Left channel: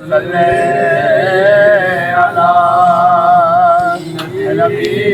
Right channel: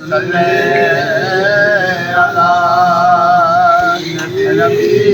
صلی علی نبینا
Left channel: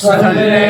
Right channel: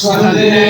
صلی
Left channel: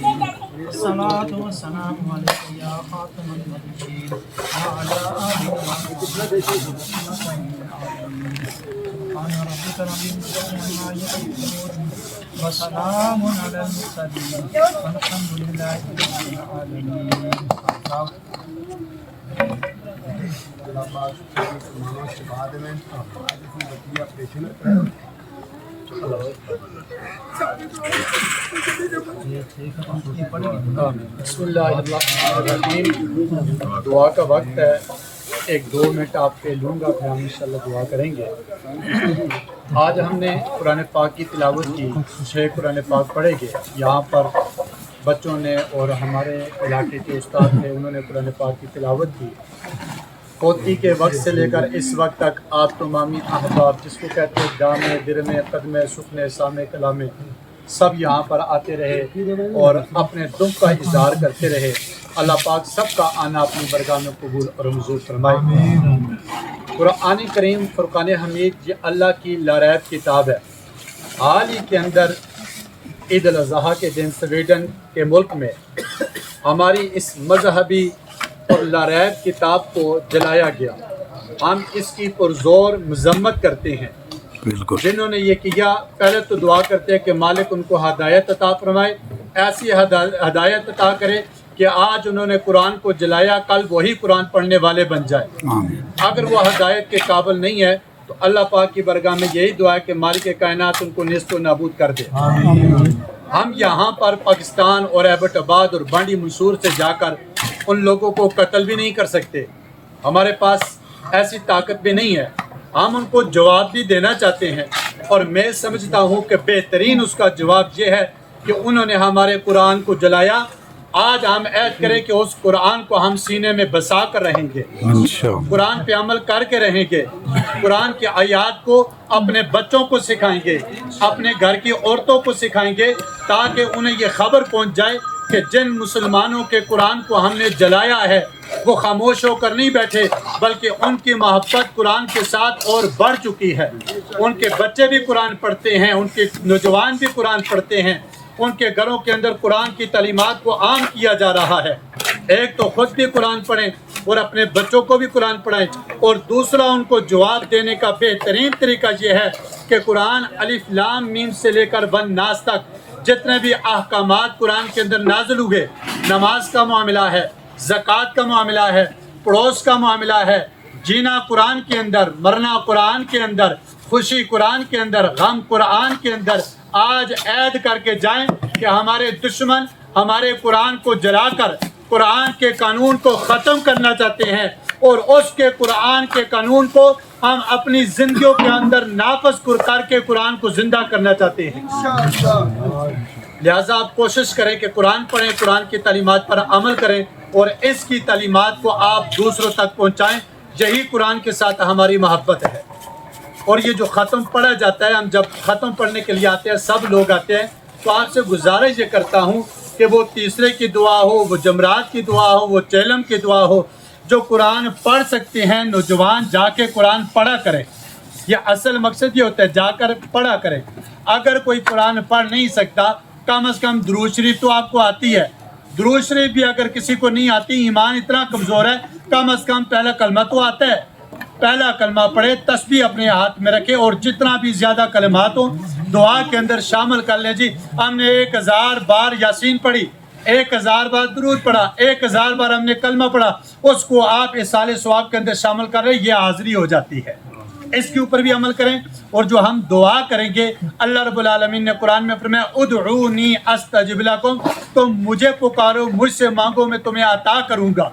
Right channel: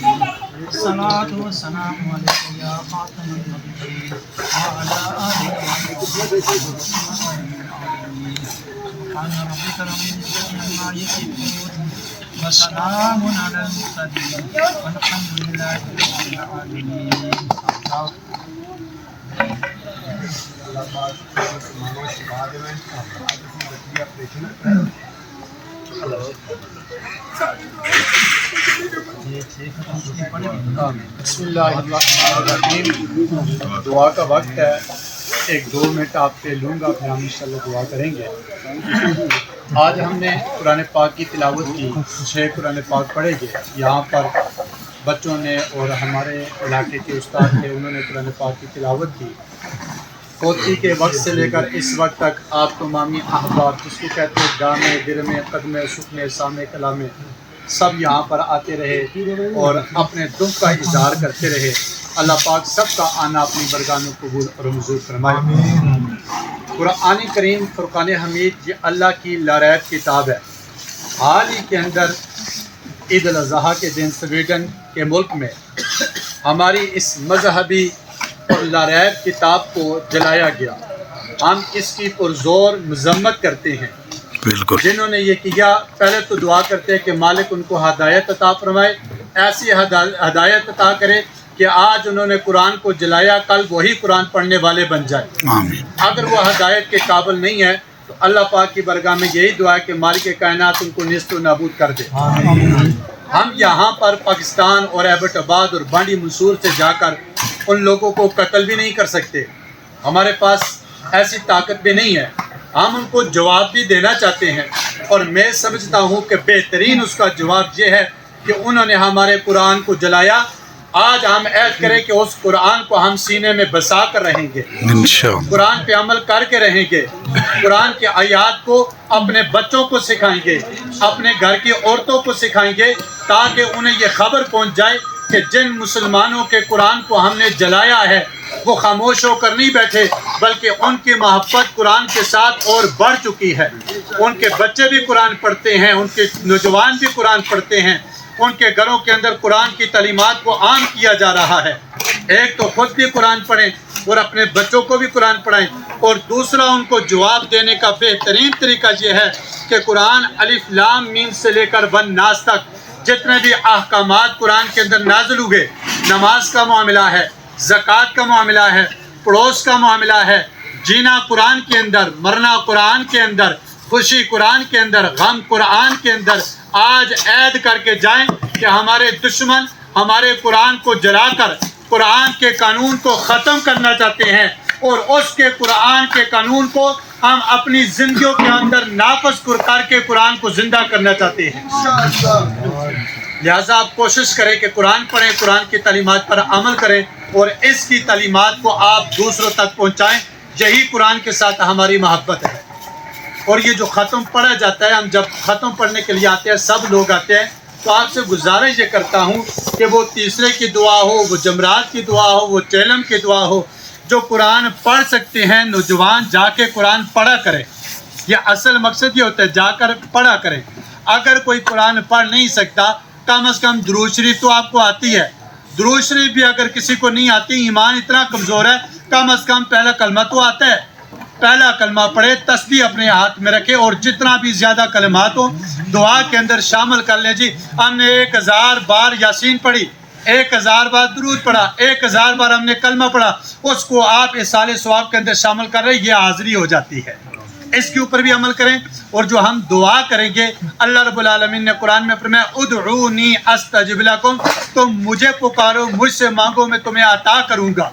الصلاة والسلام عليك يا خاتم النبيين وعلى آلك سبحان ربك رب العزة عما يصفون وسلام على المرسلين والحمد لله رب العالمين. اللہ پاک مسلمانوں سے کہا دے میں بچی آپریشن بسم اللہ الرحمن الرحیم. دعا کا وقت ہے. 1-2 منٹ آپ سے لوں گا پھر ہم انشاءاللہ دعا کریں گے. آج ہم نے قرآن پاک کی تلاوت کی. 6 قرآن پاک پڑھے گے. یہاں پر بچوں نے اور ہمارے علاقے کے استاد تھے, انہوں نے قرآن پاک کی تلاوت کی. پوتی کے وقت سے لے کر اس وقت تک آپ تمامی احباب جس کو کہتے ہیں دامے گرمے قدمے سکھنے سامے کلامے سب یہاں پر آتے رہے اور اپنے دکھ کا اظہار کرتے رہے. اللہ پاک سب کا آنا اپنی برگاہ میں قبول اور منظور فرمائے. قرآن کریم فرقان حمید یہ اللہ کی لاریب کتاب ہے. حال ہی کے اندر عید الاضحیٰ کے دن سویڈن کے ملک میں ہماری اس مذہبی اور لاریب کتاب کو جلایا گیا. ہم اس کی پرزور مذمت کرتے ہیں. بالکل جنہوں نے یہ کیا پہلے تو دعا کرتے ہیں کہ مالک ان کو ہدایت عطا فرمائے, ایسی ہدایت عطا کرے کہ آج انہوں نے قرآن کو جلایا کل وہی قرآن پڑھنے والے بن جائے. آمین. اگر وہ ہدایت کے قابل نہیں ہے تو اللہ پاک کی برگاہ میں یہی دعا ہے کہ مالک کائنات ان کو نیست و نابود کر دے. ہم یہاں پر پاکستان اور ایبٹ آباد اور بانڈی منصور سے جا کر ان لوگوں کو قتل بھی نہیں کر سکتے، ہمارے پاس ایسی طاقت بھی نہیں ہے۔ ہم ان کو جواب بھی دینا چاہتے ہیں، اور میں سمجھتا ہوں کہ بہترین اس کا جواب یہ ہے کہ انہوں نے ہمارے قرآن کو جلایا۔ آج ہم عہد کریں کہ اس قرآن کو ہم سینے میں بسا کر رہیں گے، قرآن پہ عمل کر کے رہیں گے، قرآن کی آیات کو اپنے بچوں کو سکھائیں گے، اپنے گھر کی عورتوں کو سکھائیں گے، تاکہ انہیں یہ خبر پہنچ جائے کہ جن مسلمانوں کے قرآن کو ہم نے جلایا ہے وہ خاموش ہو کر نہیں بیٹھے، بلکہ ان کی محبت قرآن کے ساتھ اور بڑھ چکی ہے۔ ان کے بچے بھی قرآن پڑھتے ہیں، ان کے نوجوان بھی قرآن پڑھتے ہیں، ان کے گھروں کے اندر قرآن کی تعلیمات کو عام کیا جا رہا ہے۔ ایک تو خود بھی قرآن پڑھیں اور اپنے بچوں کو بھی قرآن پڑھائیں، اور دوسرا ان کو جواب دینے کا بہترین طریقہ یہ ہے کہ قرآن الف لام میم سے لے کر ون ناس تک جتنے بھی احکامات قرآن کے اندر نازل ہوئے، نماز کا معاملہ ہے، زکوٰۃ کا معاملہ ہے، پڑوس کا معاملہ ہے، جینا قرآن کے اندر، مرنا قرآن کے اندر، خوشی قرآن کے اندر، غم قرآن کے اندر، آج عہد کر کے جائیں کہ ہمارے دشمن ہمارے قرآن کو جلا کر قرآن کے قانون کو ختم کرنا چاہتے ہیں، اور اس کے قرآن کے قانون کو ہم اپنی زندگیوں کے اندر نافذ کر کے قرآن کو زندہ کرنا چاہتے ہیں۔ لہٰذا آپ کوشش کریں کہ قرآن پڑھیں، قرآن کی تعلیمات پر عمل کریں، اور اس کی تعلیمات کو آپ دوسروں تک پہنچائیں۔ یہی قرآن کے ساتھ ہماری محبت ہے۔ اور یہ جو ختم پڑھا جاتا ہے، ہم جب ختم پڑھنے کے لیے آتے ہیں، سب لوگ آتے ہیں، تو آپ سے گزارش یہ کرتا ہوں کہ وہ تیسرے کی دعا ہو، وہ جمرات کی دعا ہو، وہ چیلم کی دعا ہو، جو قرآن پڑھ سکتے ہیں نوجوان جا کے قرآن پڑھا کریں۔ یہ اصل مقصد یہ ہوتا ہے، جا کر پڑھا کریں۔ اگر کوئی قرآن پڑھ نہیں سکتا، کم از کم درود شریف تو آپ کو آتی ہے۔ درود شریف بھی اگر کسی کو نہیں آتی، ایمان اتنا کمزور ہے، کم از کم پہلا کلمہ تو آتا ہے، پہلا کلمہ پڑھے، تسبیح اپنے ہاتھ میں رکھے، اور جتنا بھی زیادہ کلمات ہوں دعا کے اندر شامل کر لیں۔ جی ہم نے 1000 بار یاسین پڑھی، 1000 بار درود پڑھا، 1000 بار ہم نے کلمہ پڑھا، اس کو آپ اصال ثواب کے اندر شامل کر رہے، یہ حاضری ہو جاتی ہے۔ اس کے اوپر بھی عمل کریں۔ اور جو ہم دعا کریں گے، اللہ رب العالمین نے قرآن میں فرمایا ادعونی استجب لکم، تم مجھے پکارو، مجھ سے مانگو، میں تمہیں عطا کروں گا۔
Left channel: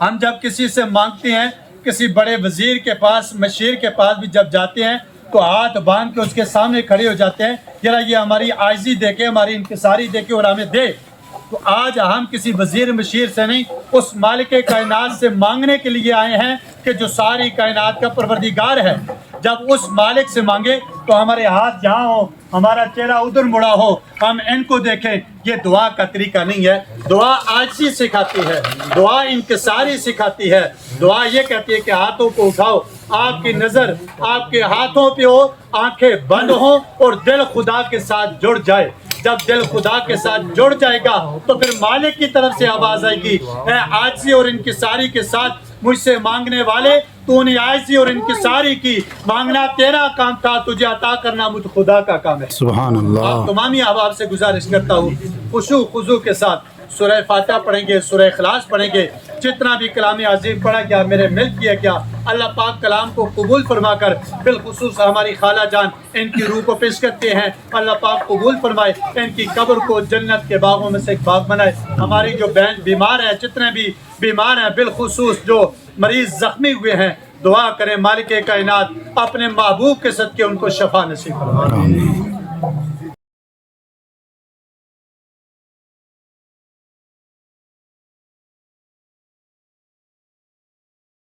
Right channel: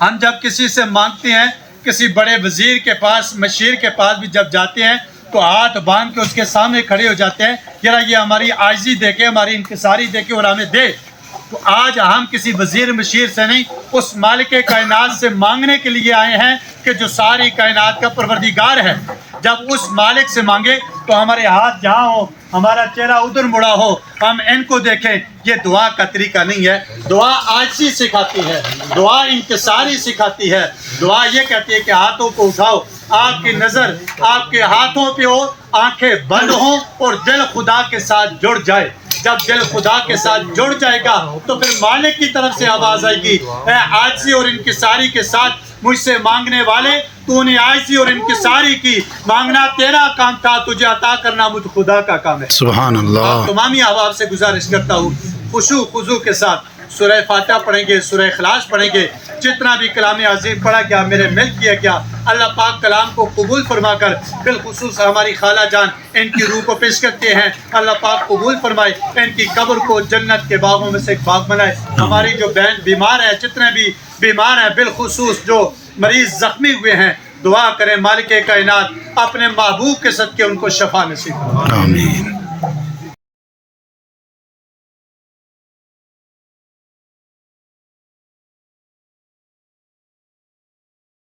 ہم جب کسی سے مانگتے ہیں، کسی بڑے وزیر کے پاس، مشیر کے پاس بھی جب جاتے ہیں، تو ہاتھ باندھ کے اس کے سامنے کھڑے ہو جاتے ہیں، ذرا یہ ہماری عاجزی دیکھے، ہماری انکساری دیکھے اور ہمیں دے۔ تو آج ہم کسی وزیر مشیر سے نہیں، اس مالک کائنات سے مانگنے کے لیے آئے ہیں کہ جو ساری کائنات کا پروردگار ہے۔ جب اس مالک سے مانگے تو ہمارے ہاتھ جہاں ہو، ہمارا چہرہ ادھر مڑا ہو، ہم ان کو دیکھیں۔ یہ دعا کا طریقہ نہیں ہے۔ دعا عاجزی سکھاتی ہے، دعا انکساری سکھاتی ہے، دعا یہ کہتی ہے کہ ہاتھوں کو اٹھاؤ، آپ کی نظر آپ کے ہاتھوں پہ ہو، آنکھیں بند ہوں، اور دل خدا کے ساتھ جڑ جائے۔ جب دل خدا کے ساتھ جڑ جائے گا تو پھر مالک کی طرف سے آواز آئے گی، اے عاجزی اور انکساری کے ساتھ مجھ سے مانگنے والے، تو نے عاجزی اور انکساری کی، مانگنا تیرا کام تھا، تجھے عطا کرنا مجھ خدا کا کام ہے۔ سبحان اللہ۔ تمامی احباب سے گزارش کرتا ہوں، خشوع خضوع کے ساتھ سورہ فاتحہ پڑھیں گے، سورہ اخلاص پڑھیں گے، جتنا بھی کلام عظیم پڑھا گیا، میرے مل کیا گیا، اللہ پاک کلام کو قبول فرما کر، بالخصوص ہماری خالہ جان ان کی روح کو پیش کرتے ہیں، اللہ پاک قبول فرمائے، ان کی قبر کو جنت کے باغوں میں سے ایک باغ بنائے۔ ہماری جو بہن بیمار ہیں، جتنے بھی بیمار ہیں، بالخصوص جو مریض زخمی ہوئے ہیں، دعا کریں مالک کائنات اپنے محبوب کے صدقے ان کو شفا نصیب فرمائے۔ آمین۔